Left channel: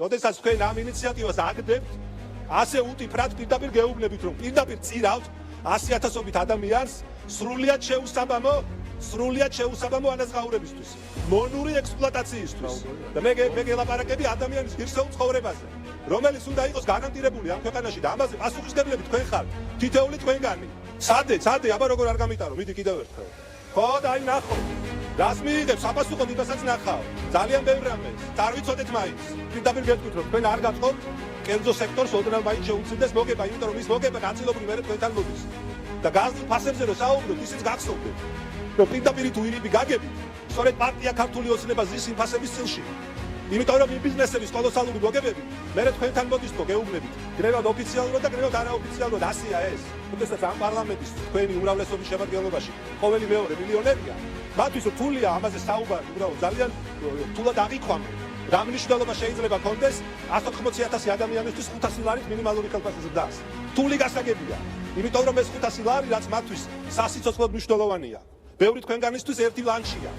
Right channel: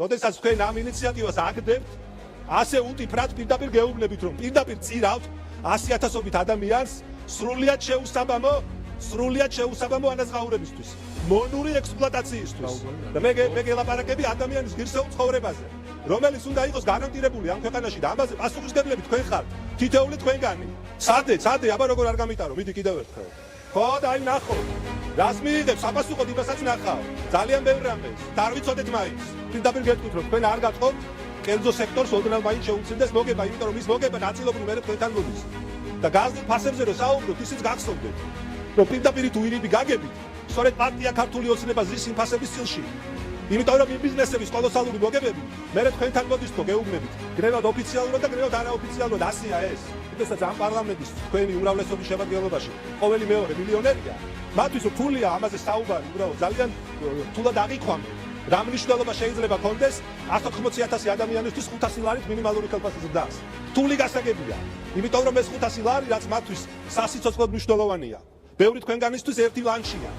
როდესაც თქვენ ამ ინიციატივას აგდებთ, ასე უტიფრად პირდაპირ გეუბნებით, რომ პირდაპირ წირავთ 100,000-ობით ადამიანს სრულიად შეუსაბამო ანაზღაურებისთვის, მონური ექსპლუატაციისთვის. და მე გელაპარაკები ადამიანის ღირსეულ ცხოვრებაზე, რომელიც უნდა იყოს გარანტირებული ამ ქვეყანაში და ამაზე პასუხისმგებლები თქვენ ხართ, თითოეული თქვენგანი. სადე, აბა როგორ არ გამიტარო, მიდი კიდევ ერთხელ. ხო, და აი ნახო. რას მიიღებს აპასუხოთ იმასაც ნახავ. ძალიან ბევრი ამბობს. და არ ვიცოდეთ მაინც. პირდაპირ გეტყვით, რომ თქვენ არ გატყობთ კერძო სექტორს ოდნავ მაინც შეუცინდეს მოგება, იმიტომ რომ ის მოგება ნაწილობრივ მერე თქვენთან მოდის. და გაზის ფასებზე რომ საუბრობთ, ისიც გახსოვდეთ. რომ პირდაპირ თუ ირიბი გაგებით, სწორედ პარტია ქართული ოცნება ზის ფასების წილში. იმიტომ რომ იმ ბიზნესების კოლოსალური მოგებები მერე თქვენთან მოდის თუ გეუბნებით. გრევად ოფიციალურად და გრევად არაოფიციალურად ასეა ეს. როდესაც ამ პარლამენტის თქვენი უმრავლესობის შემადგენლობაში ყოველი მეორე მილიონერია, მათთვის რთულია ამაზე საუბარი, უბრალოდ ძალიან რთულად აღიქვამთ. რა მნიშვნელობა შეიძლება ქონდეს 180,000 ადამიანისთვის 500 ლარით მინიმალური ხელფასის ზრდას. რთული გასაგებია. იმიტომ რომ ეს 500 ლარი, რაც მათთვის სასიცოცხლოდ მნიშვნელოვანია, ბევრი თქვენგანისთვის ერთი ლანჩია.